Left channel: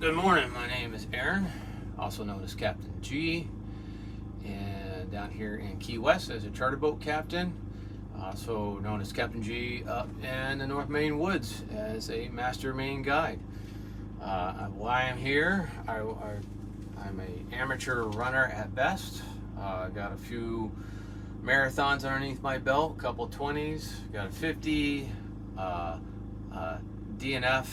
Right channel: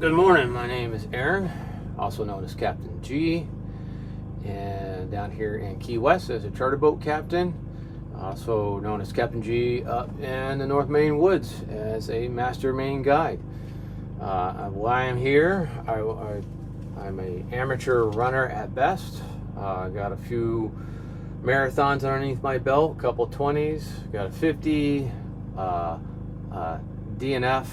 Good morning, my name is Aaron, also known as Captain G, and down here in Key West as a charter boat captain, also known as Captain G up in the North Maine woods as a master Maine guide. Why I'm here, I'm an amateur runner at best. I got a few marathons underneath my belt, a couple 20s, got a 50, DNF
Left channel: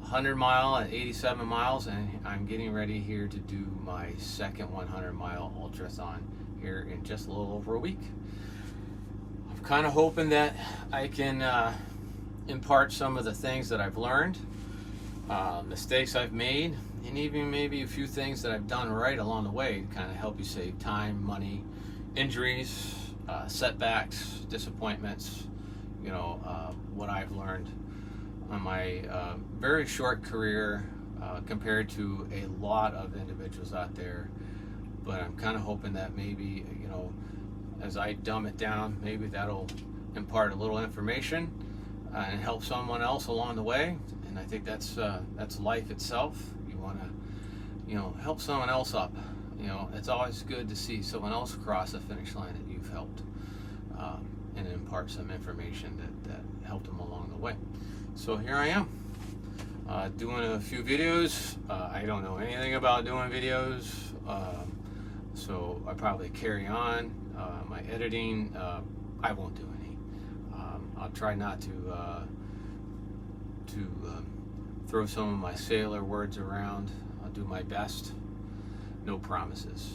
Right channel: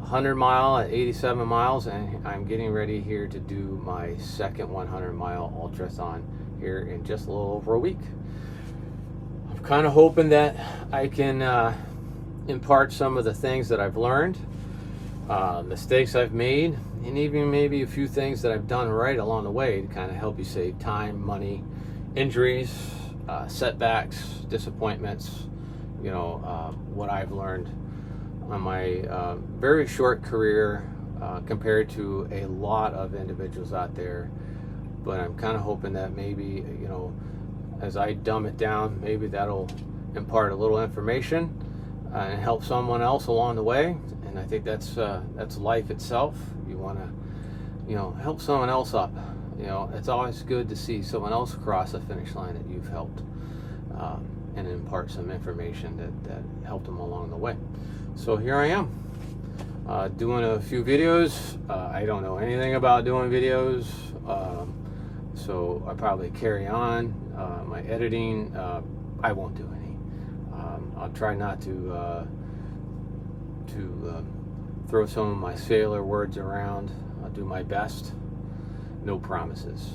100 mile at 87 miles, and I'm getting ready here to do my second 100 mile ultrathon here in just a little over a week. I'm kind of hoping that I can impart some of the things that I've learned, mistakes I've made, and even maybe a few things that I've done right along the way to kind of help you save time, money, injuries, setbacks, disappointments, what I've learned on my very short career compared to a lot of individuals out there. But I'm kind of hoping that maybe, as I dumb it down, maybe that'll impart a little information and help someone else along the way. And I think that's life itself. You want to, help someone else up. It's always good to see someone else cross the finish line that you've helped and impart some information that helped them along the way. So here I am, doing a few videos. I don't know anything about doing videos, so I probably carry on. My editing, I won't do any. I'll try not to throw some of my sailor words around. I'll do my best. No promises.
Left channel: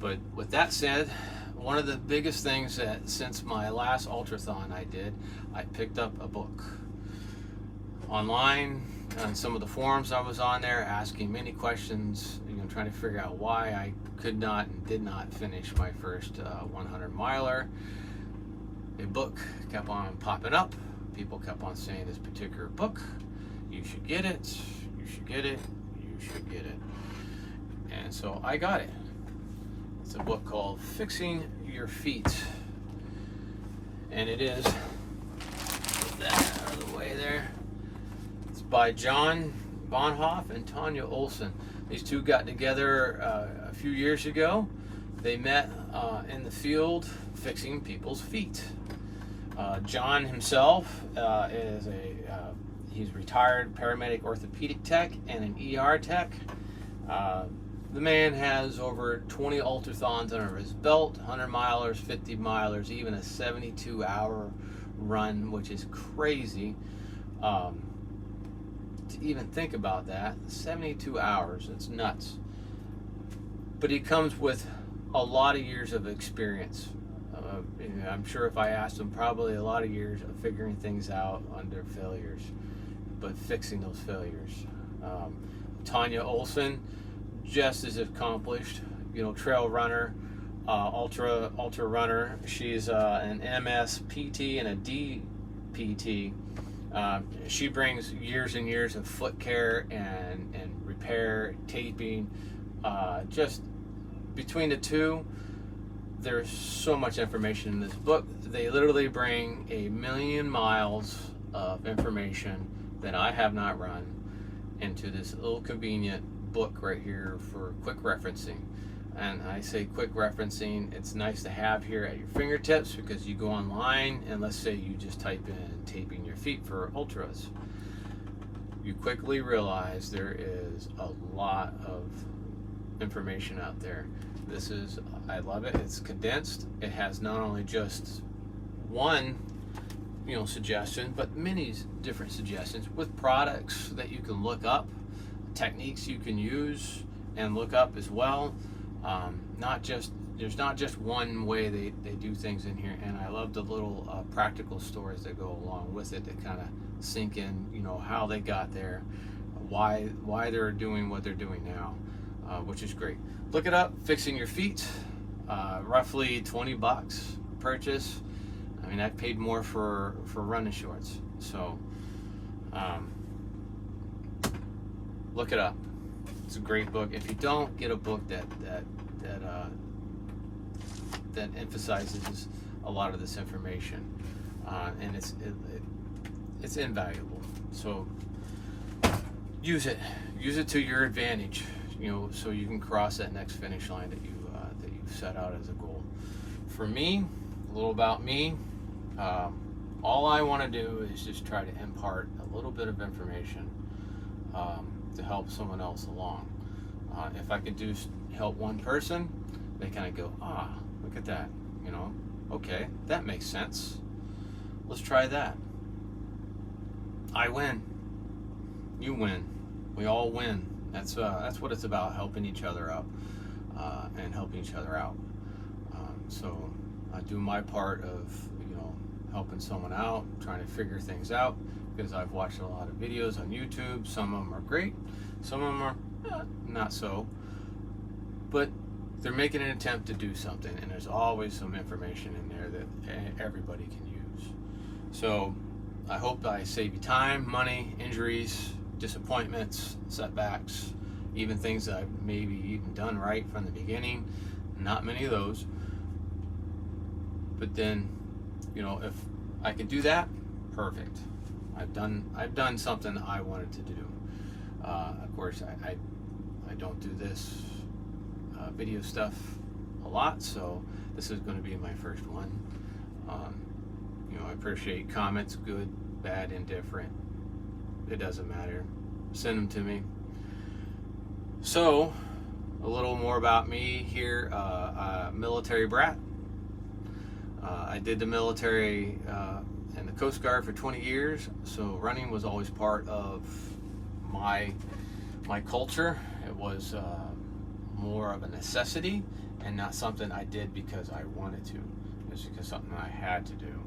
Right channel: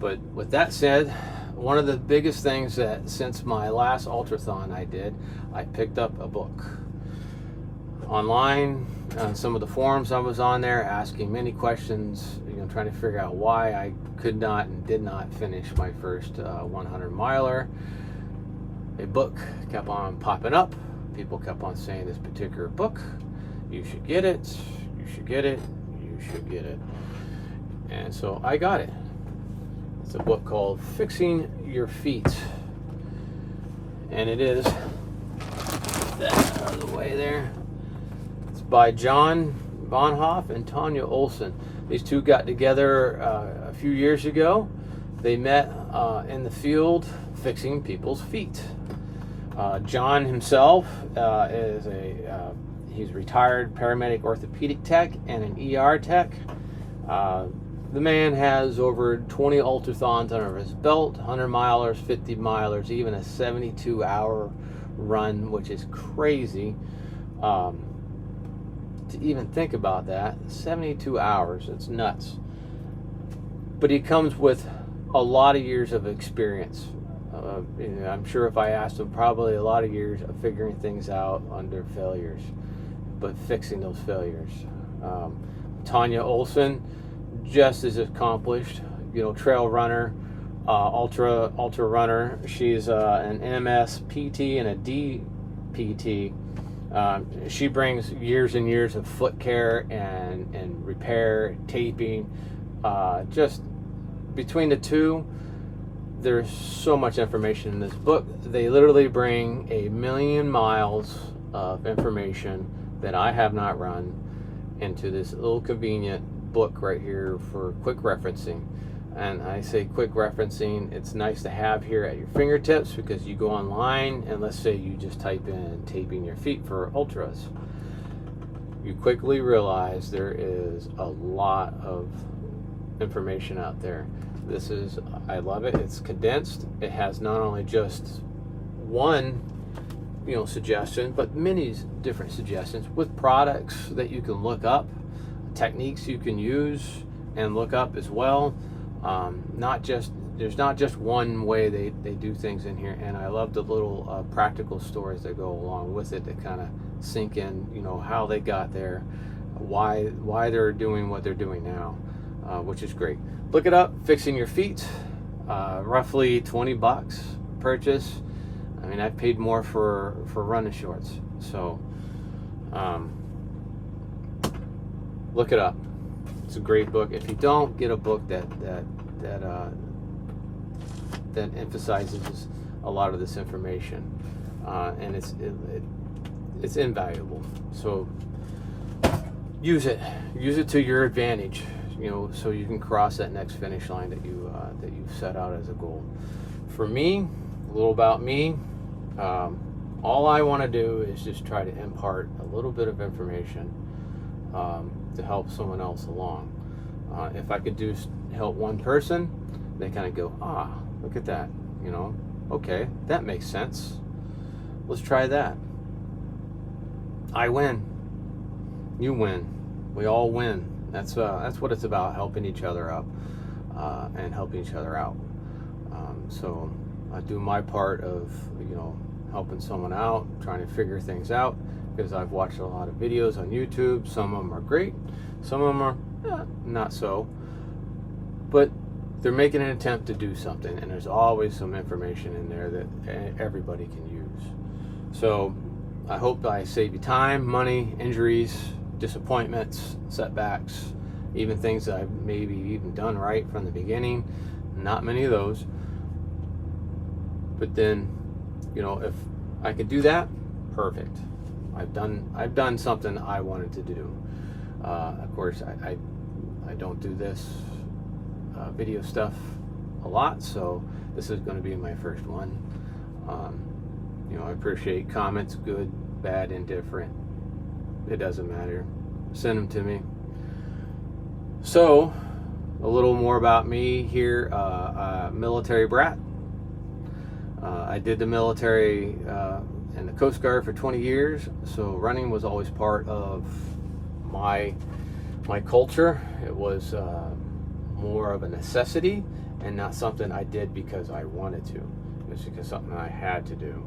But with that said, one of the biggest things that since my last ultrathon I picked up a book online on some of the forums I was on there, asking many questions, trying to figure out why I could not and did not finish my first 100 miler. A book kept on popping up. People kept on saying this particular book, you should get it, you should get it, you should get it. And so I got it. It's a book called Fixing Your Feet. And it is that out of the way there. It's by John Bonhoff and Tanya Olson. These two got together a few years ago. They met in the field fixing people's feet. John himself is he's retired paramedic orthopedic tech and an ER tech. The man has over 20 ultrathons under his belt, 100 milers, 50 milers, even a 72-hour run, which is crazy. To even think about that, 72 hours, it's nuts. But he comes with a lot of years of experience. I'm sure if I asked him, probably a lot of years of figuring things out under failures, but fixing those failures. Tanya Olson, just as accomplished, trail runner, ultra runner. She's an MS PT and a DPT. She brings years and years of foot care and repair, taping. Just between the two, there's so much information in this book. They literally bring 1,000,000 miles of information that I have not run into this little convenient book right here for quick referencing. And I say quick referencing, it's nice to have here at your fingertips, because you go online and let's say you just type in taping your feet for ultras. You quickly realize there is a lot of information out there. I love it. It's condensed. It has not only just one, suggestion, but many different suggestions with products that you can look up, techniques you can use and look up as well. There's not just one way they do things in here, and I love the little practical stories that go along with it that kind of sink in, how they got there, why they're doing what they're doing now, which is great. Look it up, Fixing Your Feet, roughly $20 purchase. I mean, I've paid more for running shorts, so look it up. It's a great book. If you don't, get a book that emphasizes a lot of this information, and it's invaluable. So use it to your advantage, so you can cross that next finish line that you've set out as a goal. For me, a little about me, all I want to do is just try to impart a little bit of information to help someone else along. If I could help one person, they kind of go, look at that, okay, that makes sense. Let's try that. I win. You win. We all win. That's what it's about, helping each other up and helping each other out. So I do my part of, helping someone out, trying to figure things out, because I've watched a lot of videos on YouTube. Some of them are great. Some of them are not so. But they're making an attempt to do something, and there's always some information in there that everybody can use. So I hope I save you time, money, injuries, disappointments, setbacks, even things that I've maybe even done right from the beginning. Not many of those. But then, if I could do that, perfect. I've done something I wanted to do. Of course, I don't do this video stuff a lot, so this is going to be my first one. I appreciate comments, good, bad, indifferent. It doesn't matter. Send them to me. So, a little more about me here. Military brat. I did the military and the Coast Guard for 20 years, so running was always part of my culture. It was more of a necessity and not something I did because I wanted to. It was because something I had to do.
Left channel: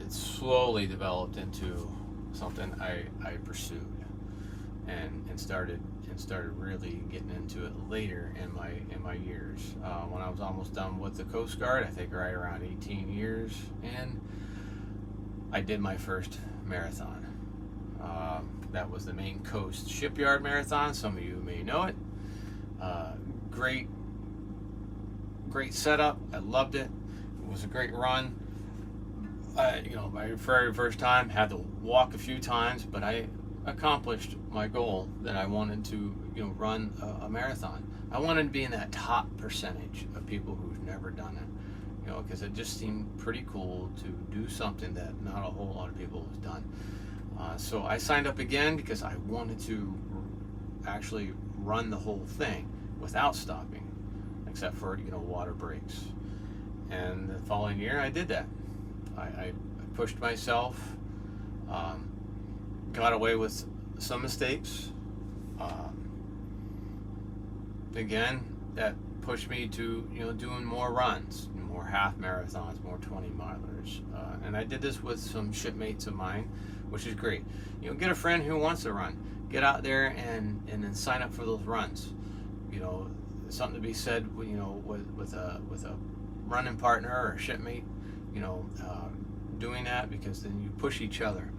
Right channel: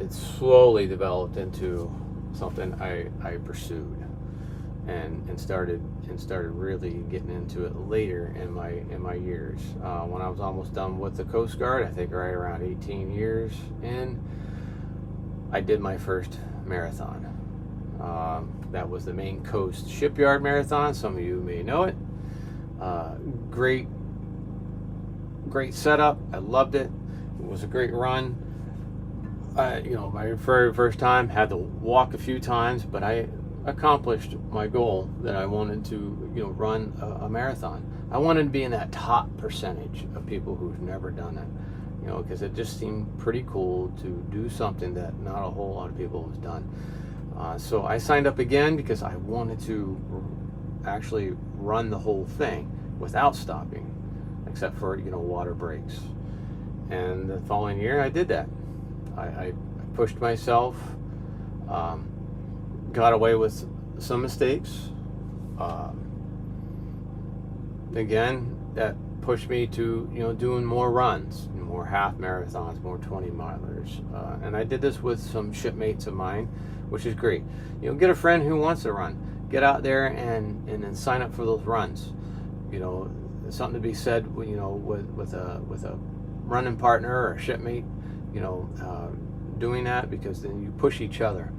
It slowly developed into something I pursued and started really getting into it later in my years. When I was almost done with the Coast Guard, I think right around 18 years in, I did my first marathon. That was the Maine Coast Shipyard Marathon. Some of you may know it. Great setup. I loved it. It was a great run. My very first time, had to walk a few times, but I accomplished my goal that I wanted to, run a marathon. I wanted to be in that top percentage of people who've never done it, because it just seemed pretty cool to do something that not a whole lot of people have done. So I signed up again because I wanted to actually run the whole thing without stopping, except for, water breaks. And the following year I did that. I pushed myself, got away with some mistakes. Again, that pushed me to, doing more runs, more half marathons, more 20 milers. And I did this with some shipmates of mine, which is great. Get a friend who wants to run. Get out there and then sign up for those runs. Something to be said, with a running partner or a shipmate, doing that, because then you push each other.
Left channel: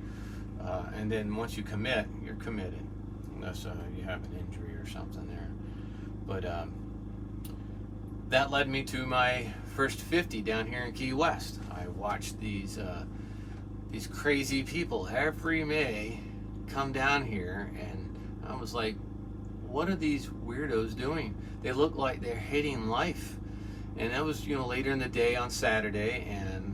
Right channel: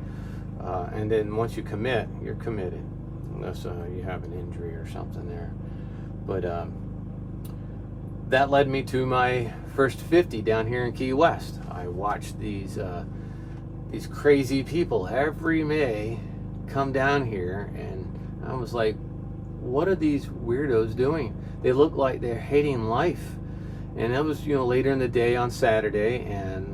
And then once you commit, you're committed, unless you have an injury or something there. But that led me to my first 50 down here in Key West. I watched these crazy people every May come down here, and I was like, what are these weirdos doing? They look like they're hating life. And that was, later in the day on Saturday, and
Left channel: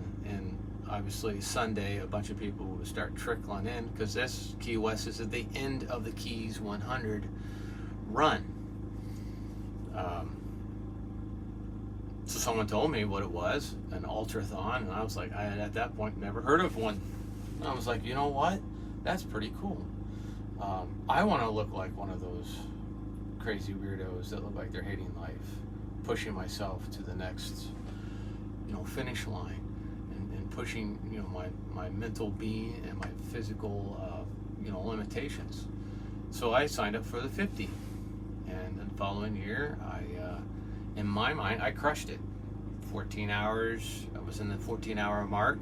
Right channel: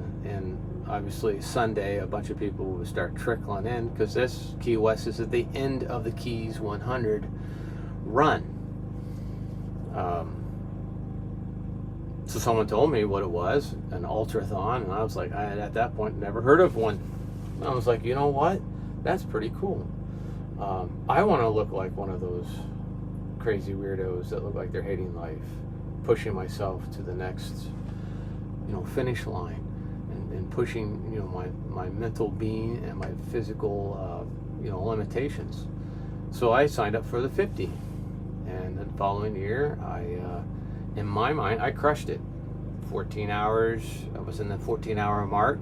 obviously Sunday, a bunch of people would start trickling in, because this Key West is at the end of the Keys 100 run. So someone told me what it was, an ultrathon, and I was like, I had at that point never heard of one. And I was like, you know what? That's pretty cool. I want to look like one of those crazy weirdos that look like they're hating life, pushing myself to the next, finish line, and pushing, my mental being and my physical, limitations. So I signed up for the 50, and the following year, in my mind, I crushed it. 14 hours. I was in the 14-hour mark.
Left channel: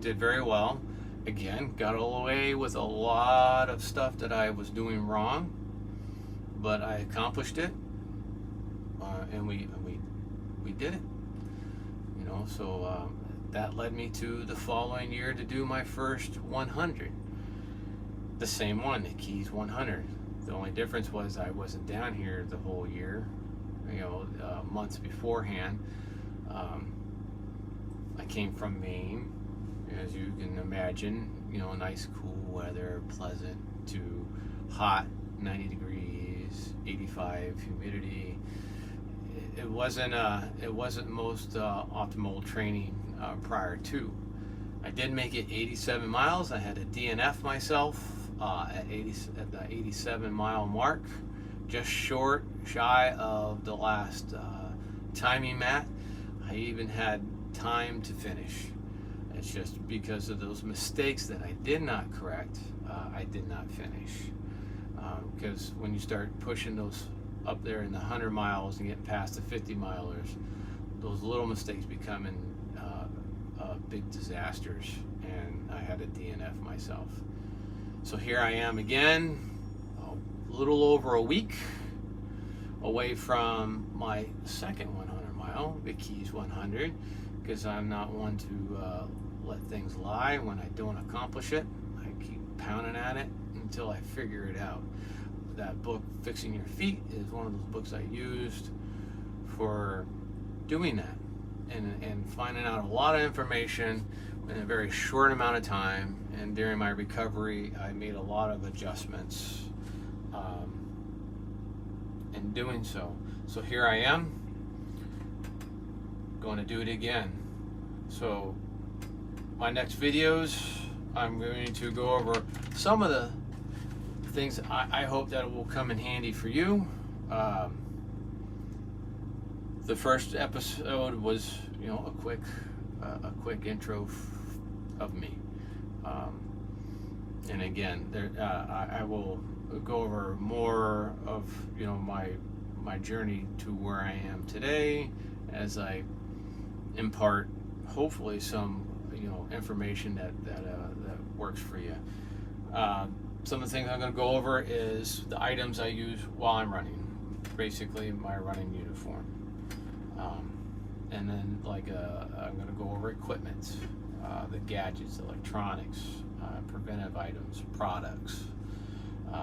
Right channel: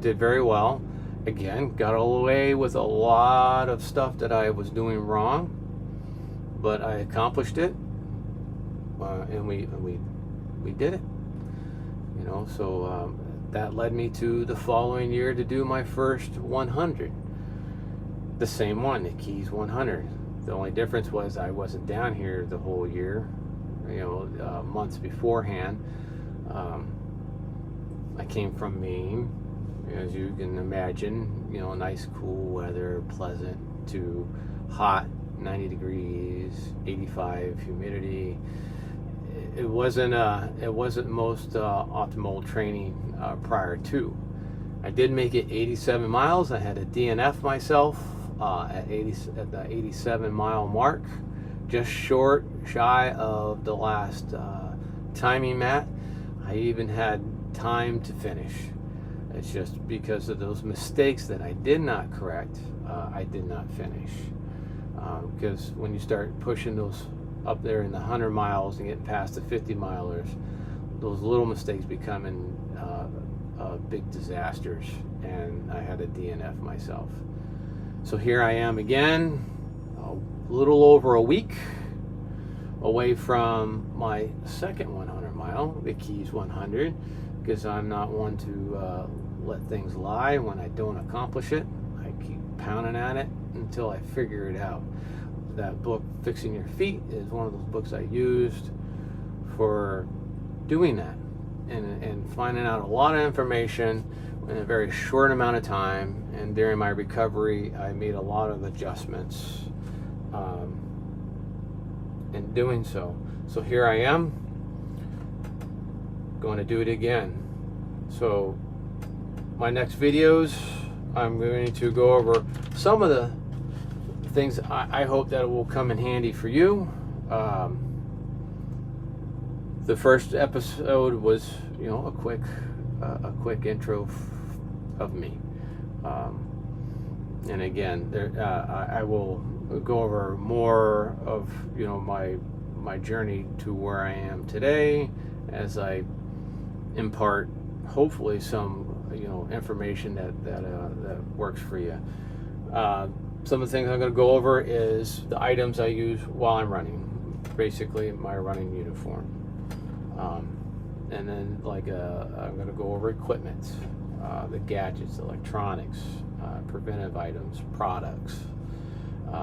Did very well. Again, got away with a lot of stuff that I was doing wrong, but I accomplished it, and we did it. So that led me to the following year to do my first 100. The same one, the Keys 100. The only difference was I wasn't down here the whole year, months beforehand. I came from Maine, as you can imagine, nice cool weather, pleasant to hot, 90 degrees, 85 humidity. It wasn't most optimal training prior to. I did make it 87 miles. I had a DNF myself at the 87 mile mark, just shy of the last timing mat. I even had time to finish. It's just because of those mistakes that I did not correct, I did not finish. Because when you start pushing those up there in the 100 miles and getting past the 50 milers, those little mistakes becoming big disasters, and I had a DNF myself. So here I am again, a little over a week away from my second 100 mile, the Keys 100, because I'm not one to let things lie when I don't accomplish it. I keep pounding at it until I figure it out. That book, Fixing Your Feet, is one of those books I used for doing that and finding out a lot of information in a very short amount of time. And during my recovery, I made a lot of adjustments in doing so. So here I am, going to do it again. So my next videos, I'm going to go over some of the things I hope that will come in handy for you. The first episode was, a quick intro of me. And again, I will go over more of my journey to where I am today, as I impart hopefully some information that works for you. Some of the things I'm going to go over is the items I use while I'm running, basically my running uniform. And then I'm going to go over equipment, the gadgets, electronics, preventive items, products.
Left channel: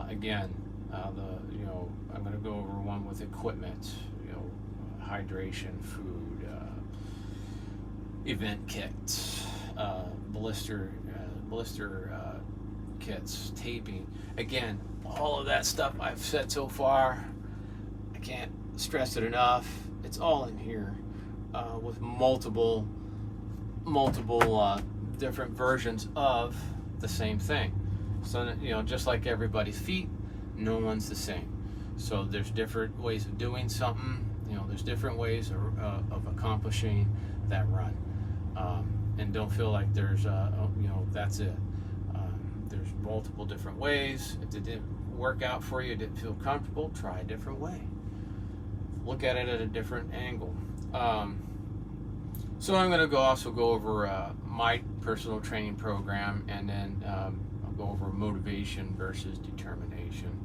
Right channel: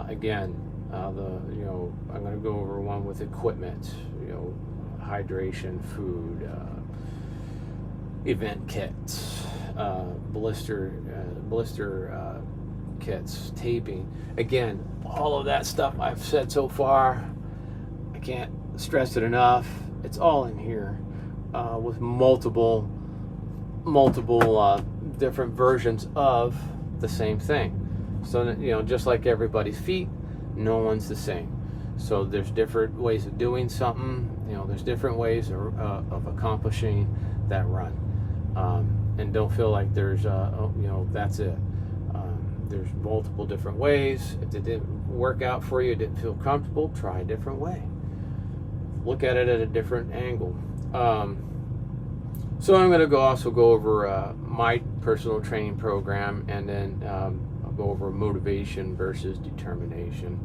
Again, I'm going to go over one with equipment, hydration, food, event kits, blister kits, taping. Again, all of that stuff I've said so far, I can't stress it enough. It's all in here with multiple different versions of the same thing. So just like everybody's feet, no one's the same. So there's different ways of doing something. There's different ways of accomplishing that run. And don't feel like there's that's it. There's multiple different ways. If it didn't work out for you, didn't feel comfortable, try a different way. Look at it at a different angle. So I'm going to also go over my personal training program, and then I'll go over motivation versus determination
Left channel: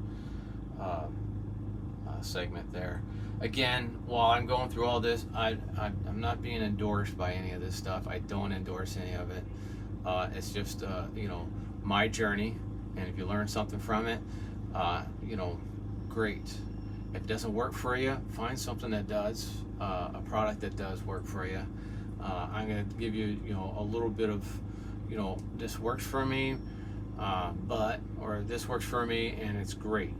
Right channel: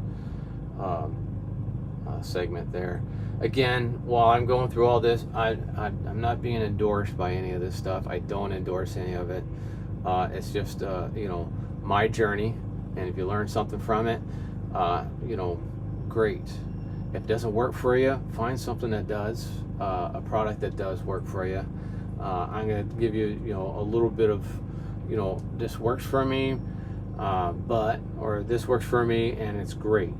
segment there. Again, while I'm going through all this, I'm not being endorsed by any of this stuff. I don't endorse any of it. It's just my journey, and if you learn something from it, great. If it doesn't work for you, find something that does, a product that does work for you. I'm going to give you, a little bit of, this works for me, or this works for me and it's great.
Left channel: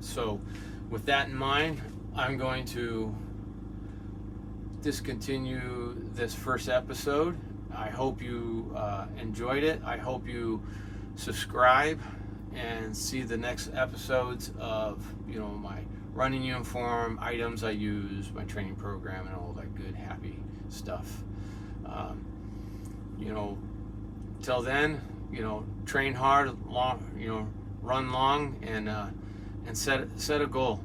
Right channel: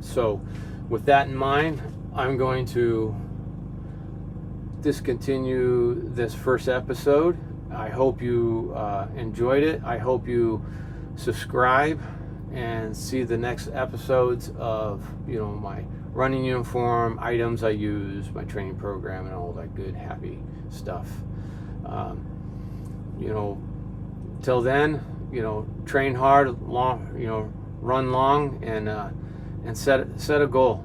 So with that in mind, I'm going to discontinue this first episode. I hope you enjoyed it. I hope you subscribe and see the next episodes of my running uniform, items I use, my training program, and all that good happy stuff. Till then, train hard, long, run long, and set a goal.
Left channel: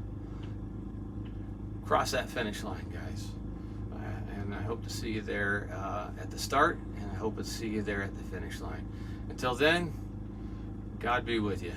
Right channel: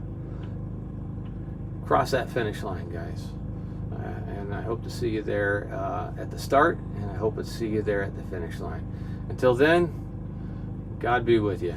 Cross that finish line, guys. And I hope to see you there at the start, and I hope to see you there at the finish line. Until then, God be with you.